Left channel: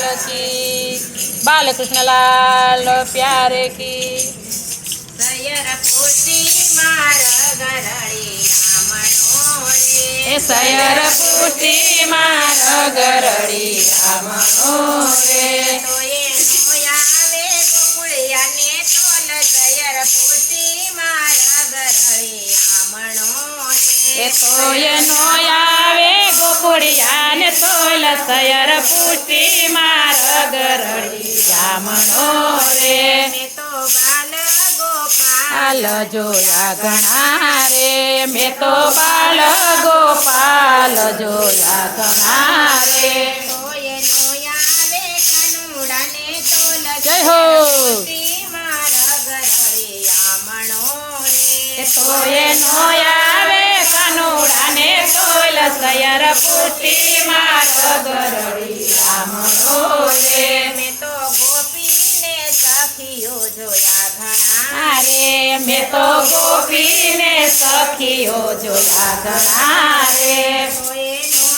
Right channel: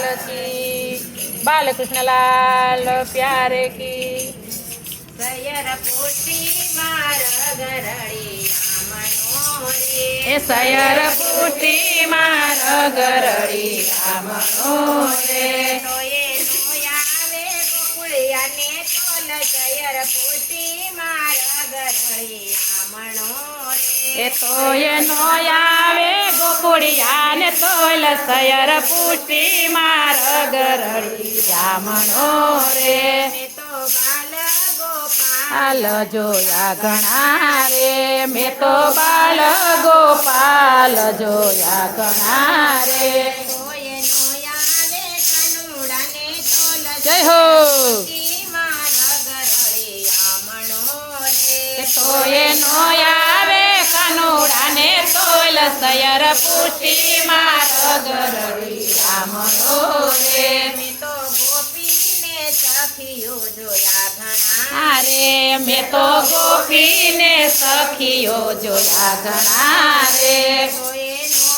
लाल की, बालकृष्ण लाल प्यारे की। सयर पुष्टि मार गरड़ी रामणो रे, सयर पुष्टि मार गरड़ी रामणो रे। तोये नो आवे गोकुळिया ने तोल, सयर पुष्टि मार गरड़ी रामणो रे। तोये नो आवे गोकुळिया ने तोल, सयर पुष्टि मार गरड़ी रामणो रे। मैं तो बाल गोपाल बाल जोया घणा रे, मैं तो बाल गोपाल जोया घणा रे। तोये नो आवे कनुड़ा ने तोल, जय हो। पुष्टि मार गरड़ी रामणो रे। तोये नो आवे कानूड़ा ने तोल, सयर पुष्टि मार गरड़ी रामणो रे। मैं तो गोपी ने सखियो जोया घना, अरे मैं तो गोपी ने सखियो जोया घना रे। तोये नो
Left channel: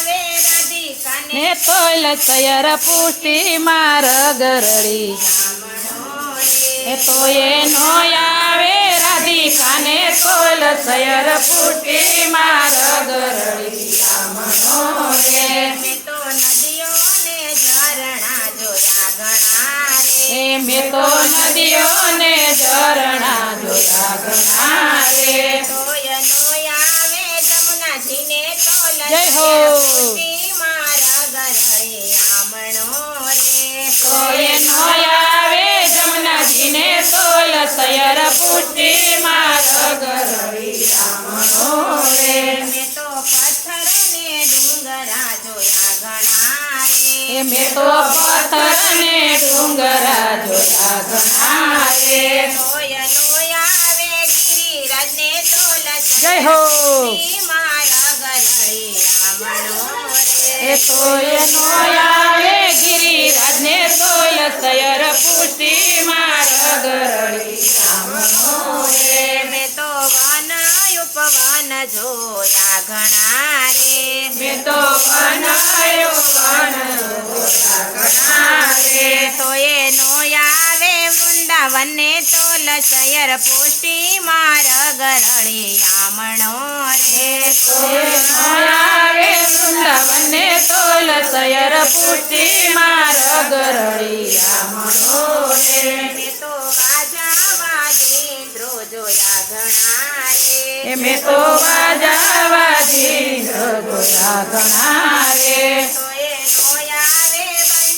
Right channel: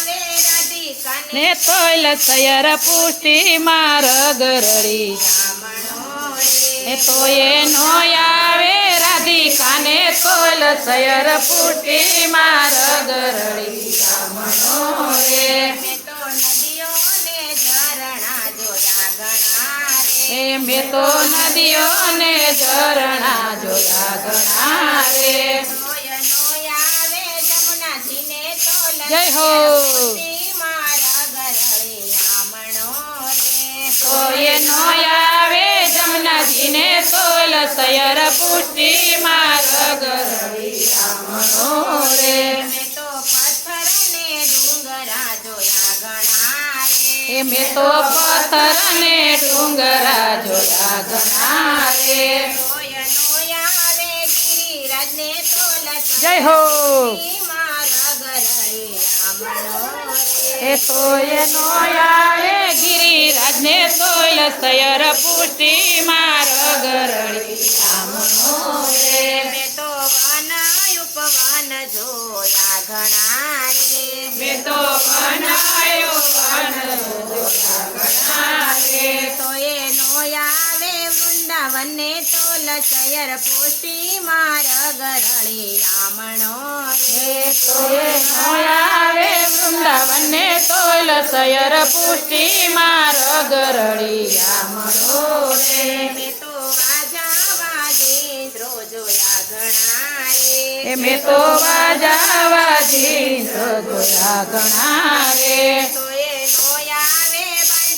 आवे राधिका ने ने तोल, सयर पुष्टि मार गरड़ी रामणो रे। तोये नो आवे राधिका ने तोल, सयर पुष्टि मार गरड़ी रामणो रे। मैं तो नदियों ने झरना जोया घना रे, मैं तो नदियों ने झरना जोया घना रे। तोये नो आवे जमुना जी ने तोल, जय हो। पुष्टि मार गरड़ी रामणो रे। तोये नो आवे जमुना जी ने तोल, सयर पुष्टि मार गरड़ी रामणो रे। मैं तो पत्थर ने डूंगरा जोया घना रे, मैं तो पत्थर ने डूंगरा जोया घना रे। तोये नो आवे गिरिराज ने तोल, जय हो। पुष्टि मार गरड़ी रामणो रे। तोये नो आवे गिरिराज ने तोल, सयर पुष्टि मार गरड़ी रामणो रे। मैं तो वन उपवन जोया घना रे, मैं तो बनायो वन जोया घना रे। तोये नो आवे वृंदावन ने तोल, सयर पुष्टि मार गरड़ी रामणो रे। तोये नो आवे वृंदावन ने तोल, सयर पुष्टि मार गरड़ी रामणो रे। मैं तो वाजा वाजेंद्रो जोया घना रे, मैं तो बाजा वाजिंद्र जोया घना रे। तोये नो आवे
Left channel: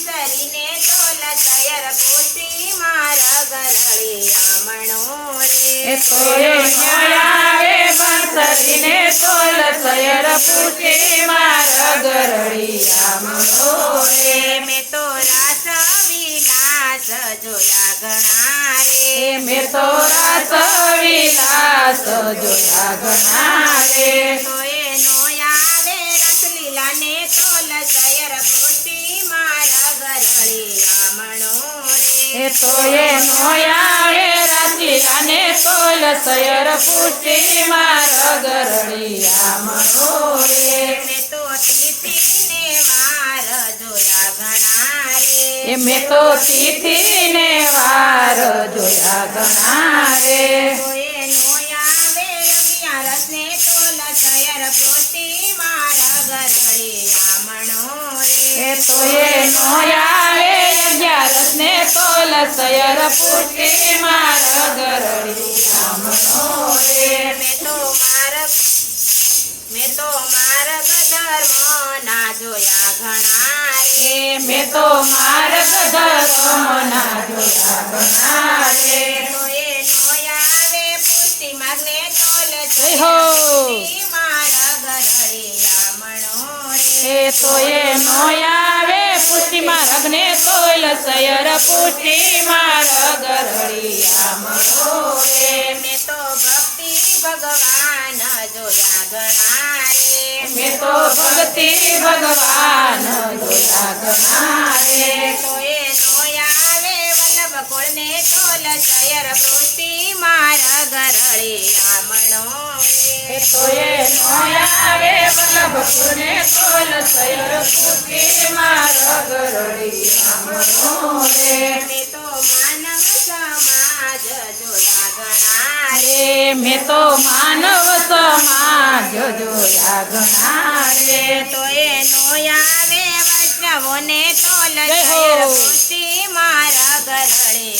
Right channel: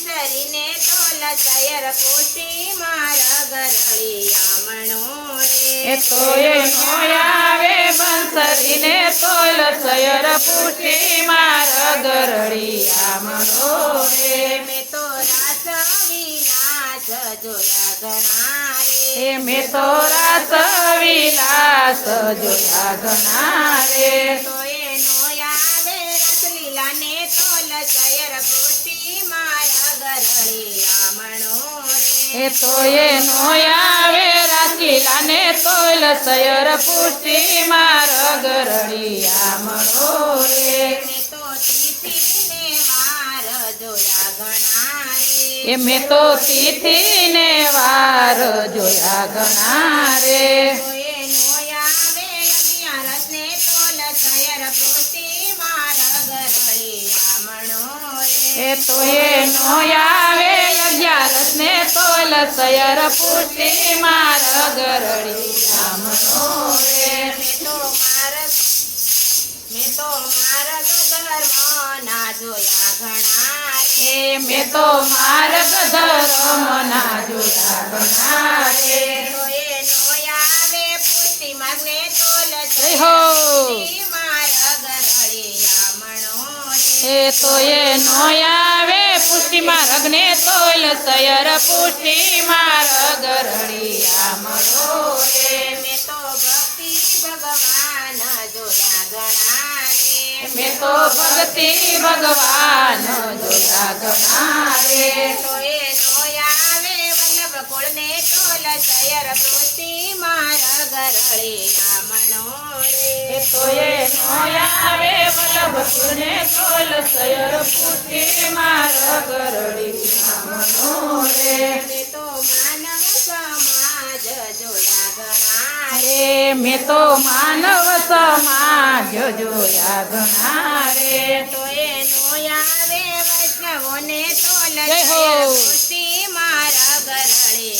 बंसरी ने तोल, सयर पुष्टि मार गरड़ी रामणो रे। तोये नो आवे बंसरी ने तोल, सयर पुष्टि मार गरड़ी रामणो रे। मैं तो रास विलास जोया घना रे, मैं तो रास विलास जोया घना रे। तोये नो आवे रसलीला ने तोल, सयर पुष्टि मार गरड़ी रामणो रे। तोये नो आवे रासलीला ने तोल, सयर पुष्टि मार गरड़ी रामणो रे। मैं तो तिथि ने वार जोया घना रे, मैं तो तिथि ने वार जोया घना रे। तोये नो आवे अगियारस ने तोल, सयर पुष्टि मार गरड़ी रामणो रे। तोये नो आवे 11 ने तोल, सयर पुष्टि मार गरड़ी रामणो रे। मैं तो मार्ग धर्म ना जोया घना रे, मैं तो मार्ग धर्म ना जोया घना रे। तोये नो आवे पुष्टि मार्गे तोल, जय हो। पुष्टि मार गरड़ी रामणो रे। तोये नो आवे पुष्टि मार्ग ने तोल, सयर पुष्टि मार गरड़ी रामणो रे। मैं तो भक्ति भगवान जोया घना रे, मैं तो भक्ति भगवान जोया घना रे। तोये नो आवे वल्लभ कुल ने तोल, सयर पुष्टि मार गरड़ी रामणो रे। तोये नो आवे वल्लभपुर ने तोल, सयर पुष्टि मार गरड़ी મેં તો માનવ સમાજ જોયા ઘણા રે તો એનો આવે વૈષ્ણવોને તોલ જય હો. પુષ્ટિ મારા ગરળે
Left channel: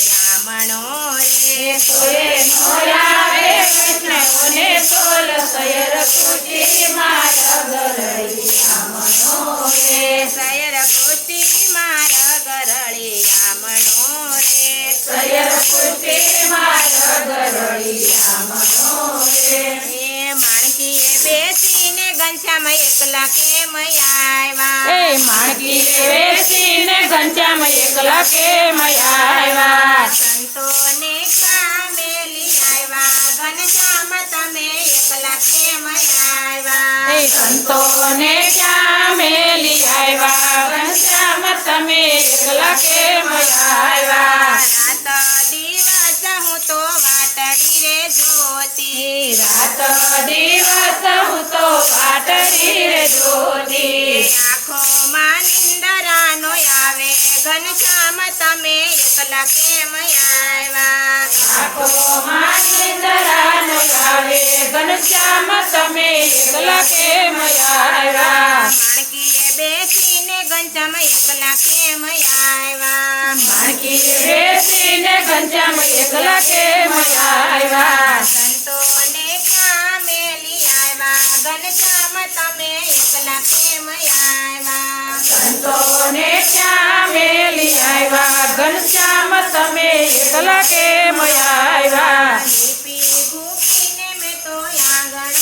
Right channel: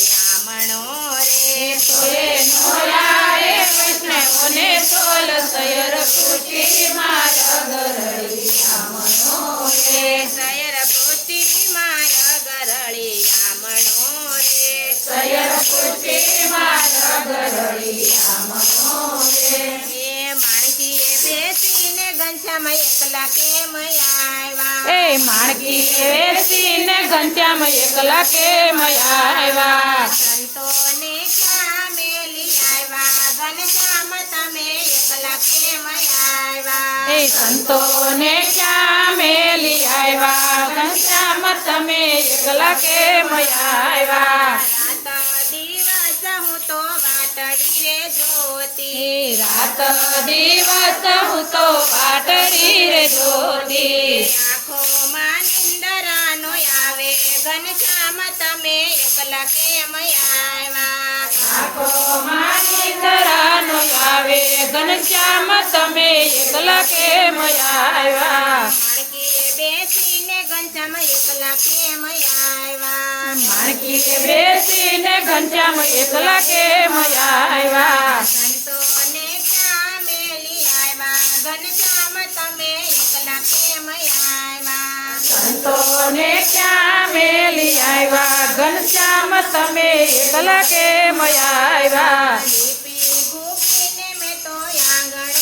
આમણો રે તો એનો આવે વૈષ્ણવોને તોલ સયર પુષ્ટિ મારા ગરડી આમણો રે સયર પુષ્ટિ મારા ગરળે આમણો રે સયર પુષ્ટિ મારા ગરડી આમણો રે એ માણકીએ બેસીને ઘનશ્યામ એકલા કેમ આવ્યા એ માણકી વેસીને ઘનશ્યામ એકલા કેમ આવ્યા સંતોને ક્યાં મેલી આવ્યા ઘનશ્યામ તમે એકલા કેમ આવ્યા એ સંતોને ક્યાં મેલી આવ્યા ઘનશ્યામ તમે એકલા કેમ આવ્યા રાત દિવસ હું તો વાટડી રે જોતી રાત દિવસ હું તો વાટડી રે જોતી આંખોમાં નિંદરાનો આવે ઘનશ્યામ તમે એકલા કેમ આવ્યા આખો મારી તરાનો આવે ઘનશ્યામ તમે એકલા કેમ આવ્યા માણકીએ બેસીને ઘનશ્યામ એકલા કેમ આવ્યા માણકી બેસીને ઘનશ્યામ એકલા કેમ આવ્યા સંતોને ક્યાં મેલી આવ્યા ઘનશ્યામ તમે એકલા કેમ આવ્યા સંતોને ક્યાં મેલી આવ્યા ઘનશ્યામ તમે એકલા કેમ આવ્યા લીપી ભૂપીને મેં તો આંગણું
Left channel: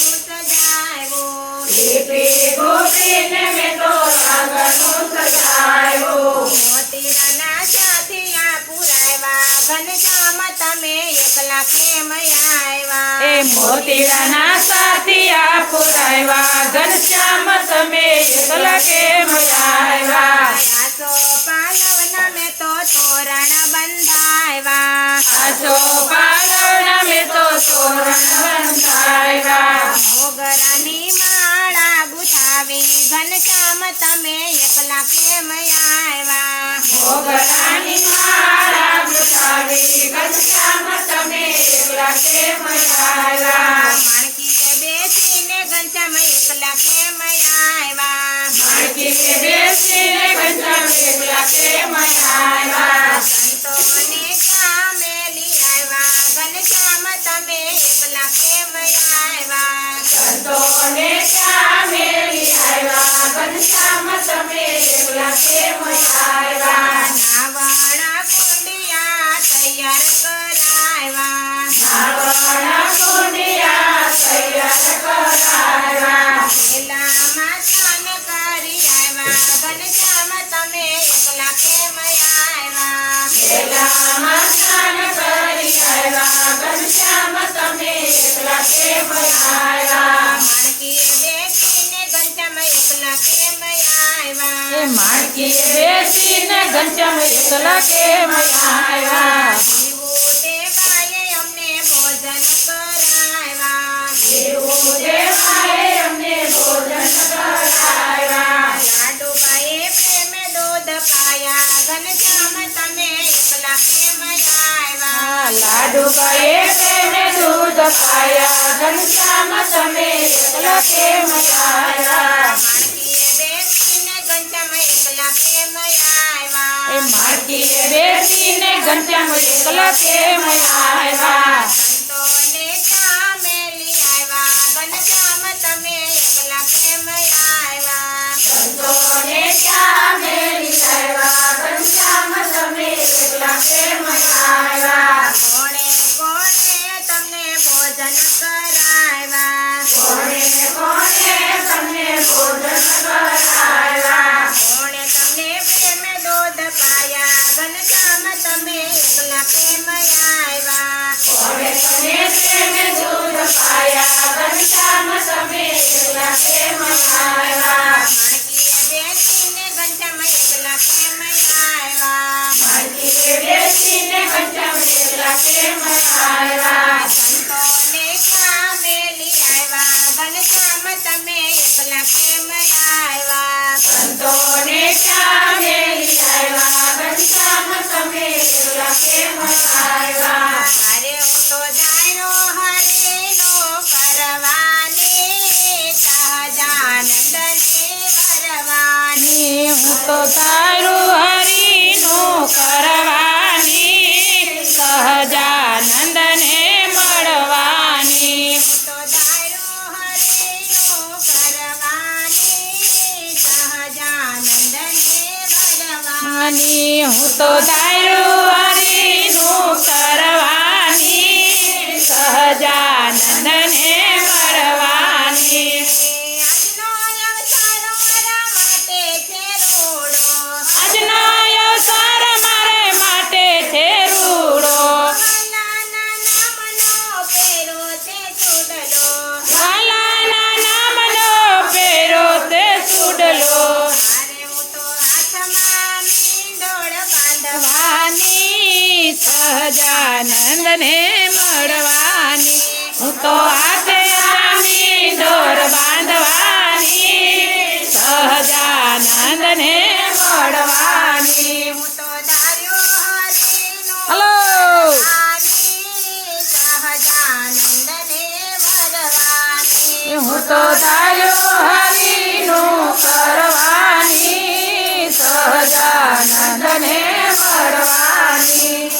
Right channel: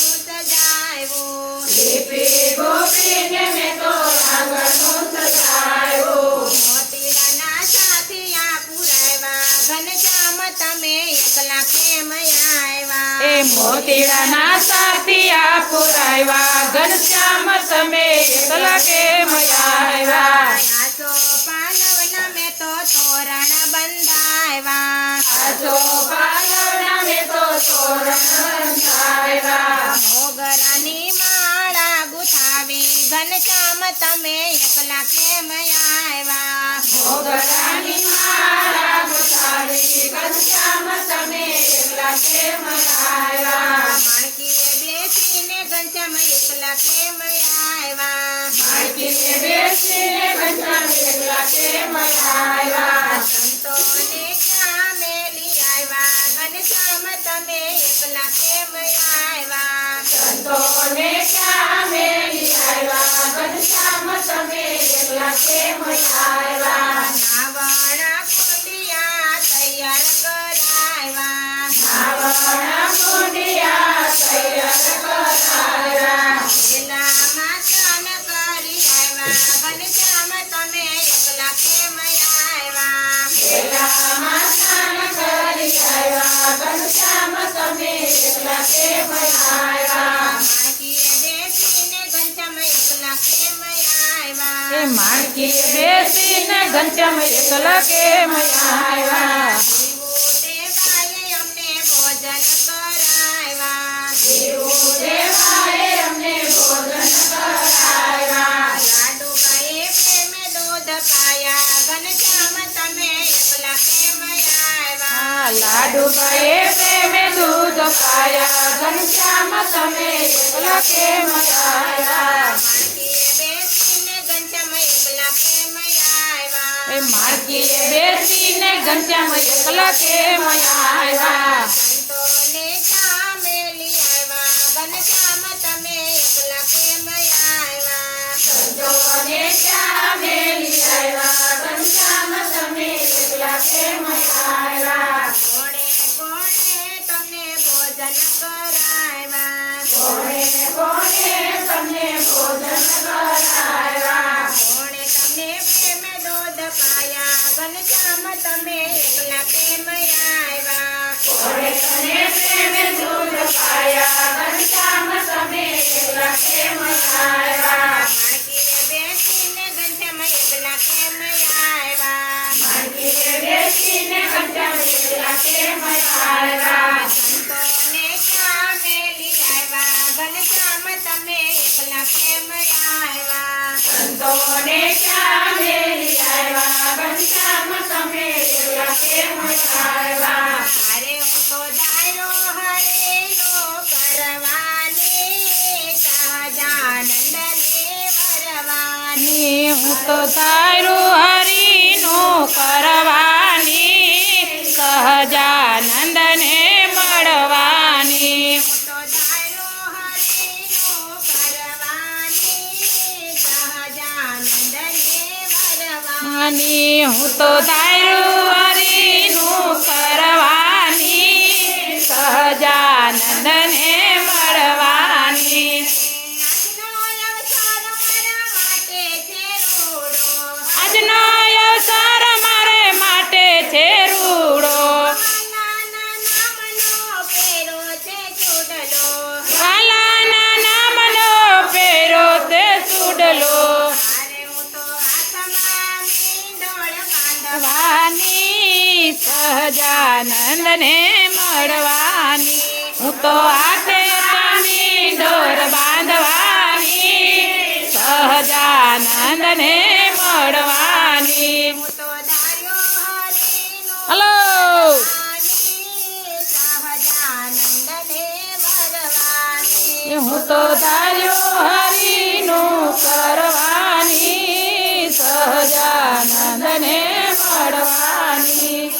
સજાવ્યું લીપી ગોપીને મેં તો આંગણું સજાવ્યું મોતીડાના સાથિયા પુરાવ્યા ઘનશ્યામ તમે એકલા કેમ આવ્યા એ મોતીડાના સાથિયા પુરાવ્યા ઘનશ્યામ તમે એકલા કેમ આવ્યા આસો પાલવના મેં તો તોરણ બંધાવ્યા આજો પાલવના મેં તો તોરણ બંધાવ્યા મોગરાની માળા ગુથાવી ઘનશ્યામ તમે એકલા કેમ આવ્યા મોગરાની માળા ગુથાવી ઘનશ્યામ તમે એકલા કેમ આવ્યા માણકીએ બેસીને ઘનશ્યામ એકલા કેમ આવ્યા માણકીએ બેસીને ઘનશ્યામ એકલા કેમ આવ્યા સંતોને ક્યાં મેલી આવ્યા ઘનશ્યામ તમે એકલા કેમ આવ્યા સંતોને ક્યાં મેલી આવ્યા ઘનશ્યામ તમે એકલા કેમ આવ્યા નાવાણા કુંડિયા તૈયાર કરાવ્યા નાવાણા કુંડિયા તૈયાર કરાવ્યા પેલામાં સ્નાન કરી આવ્યા ઘનશ્યામ તમે એકલા કેમ આવ્યા પેલામાં સ્નાન કરી આવ્યા ઘનશ્યામ તમે એકલા કેમ આવ્યા માણકીએ બેસીને ઘનશ્યામ એકલા કેમ આવ્યા એ માણકીએ બેસીને ઘનશ્યામ એકલા કેમ આવ્યા શિવો દેવાએ અમને ભોજન કરાવ્યા દેવો દેવાએ અમને ભોજન કરાવ્યા લાડુબાઈએ પ્રેમે દૂધ પાયા ઘનશ્યામ તમે એકલા કેમ આવ્યા લાડુબાએ પ્રેમે દૂધ પાયા ઘનશ્યામ તમે એકલા કેમ આવ્યા માણકીએ બેસીને ઘનશ્યામ એકલા કેમ આવ્યા એ માણકીએ બેસીને ઘનશ્યામ એકલા કેમ આવ્યા સંતોને ક્યાં મેલી આવ્યા ઘનશ્યામ તમે એકલા કેમ આવ્યા સંતોને ક્યાં મેલી આવ્યા ઘનશ્યામ તમે એકલા કેમ આવ્યા અરે હું તો દાયરો હરે તો તારું હરિનું કરવાની સહજાનંદને મળવાની તો ધાર્યું હરિનું કરવાની સહજાનંદને વરવાની હું તો તારું હરિનું કરવાની સહજાનંદને મળવાની આજનો અવસર મારા માટે છે રોડો વાલાના નામનો પેરો તે સુડલો વાની સહજાનંદને મળવાની હું તો હાથે તાની ડોર બાંધવાની સહજાનંદને મળવાની હલો હું તો ધાર્યો હરિનું કરવાની સહજાનંદને મળવાની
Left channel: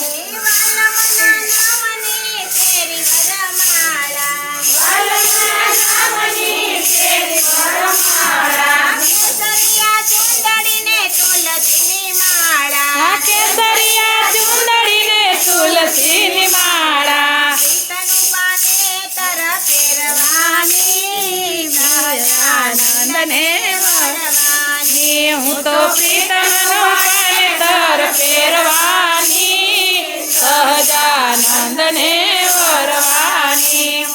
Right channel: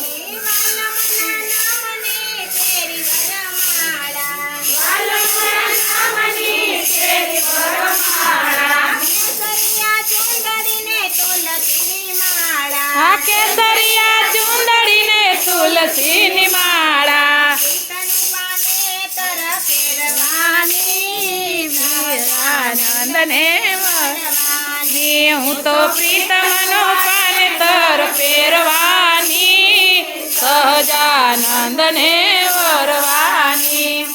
આ કેસરિયા ચુંદડીને તુલસીની માળા આનંદને મળવાની હું તો પ્રીતમનો પાનેતર પહેરવાની સહજાનંદને વરવાની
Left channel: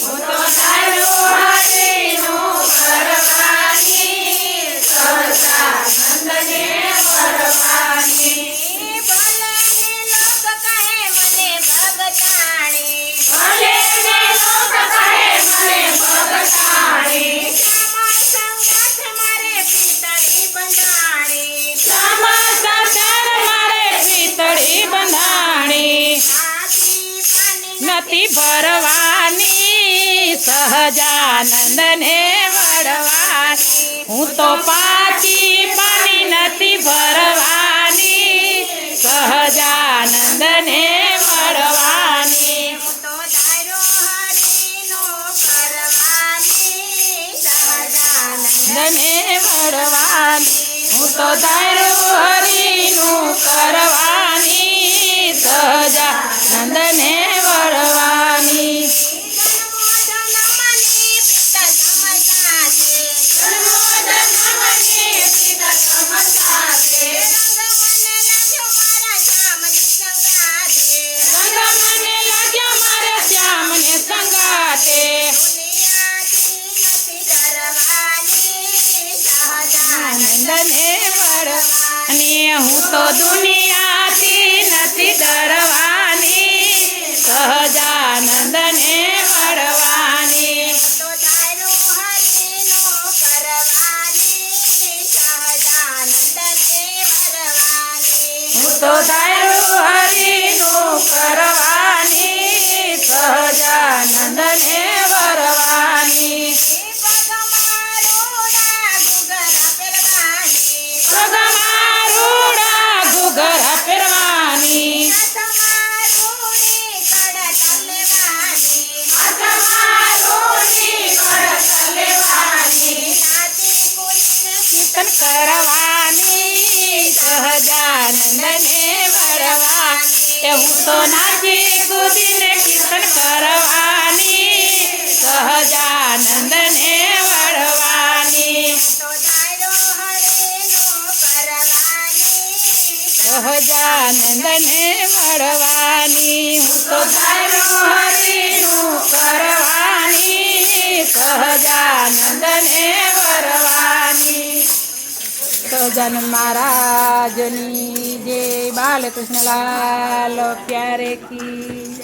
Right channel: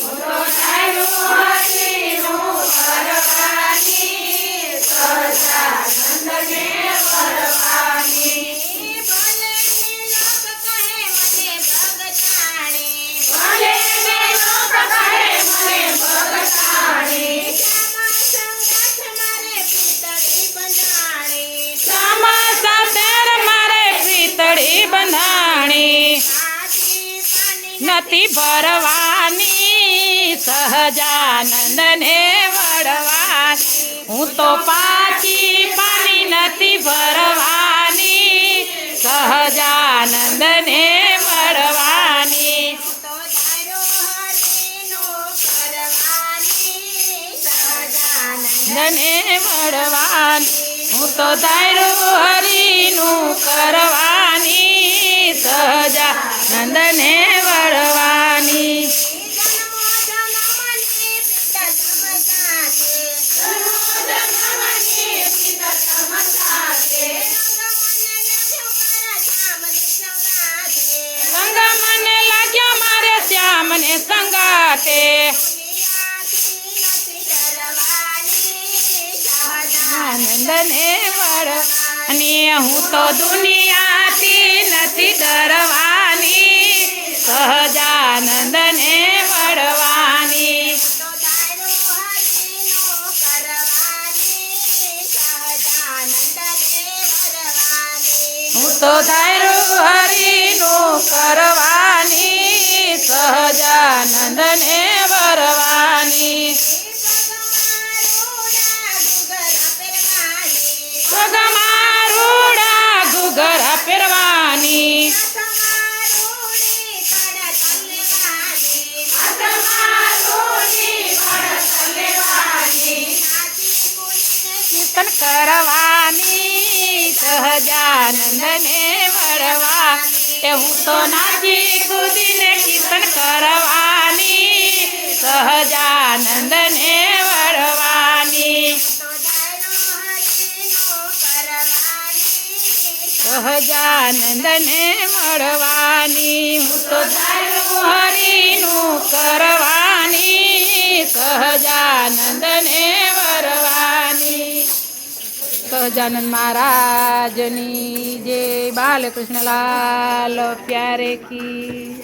હું તો તારું હરિનું કરવાની સહજાનંદને વરવાની ભલે ને લોક કહે મને ભગતાણી શ્યામા સાથે મારે પિતળી બંધાણી નથી ભરવાની સહજાનંદને વળવાની હું તો પાછી પાણી નથી ભરવાની સહજાનંદને મળવાની નંદને મળવાની હું તો તારું હરિનું કરવાની સહજાનંદને વળવાની સંગ મને લાગ્યો મારે શ્યામને સંગાતે આનંદને વળવાની હું તો દુનિયાથી નથી ડરવાની સહજાનંદને વળવાની હું તો તારું હરિનું કરવાની સહજાનંદને વરવાની સગમારૂડા ઘૂઘરા પહેરવાની કીર્તન કરવાની સહજાનંદને વળવા હું તો નાચી કૂદીને કીર્તન કરવાની સહજાનંદને વળવાની સહજાનંદને મળવાની હું તો તારું હરિનું કરવાની સહજાનંદને વરવાની સહજાનંદ મહારાજની જય બાલકૃષ્ણલાલ પ્યારે કી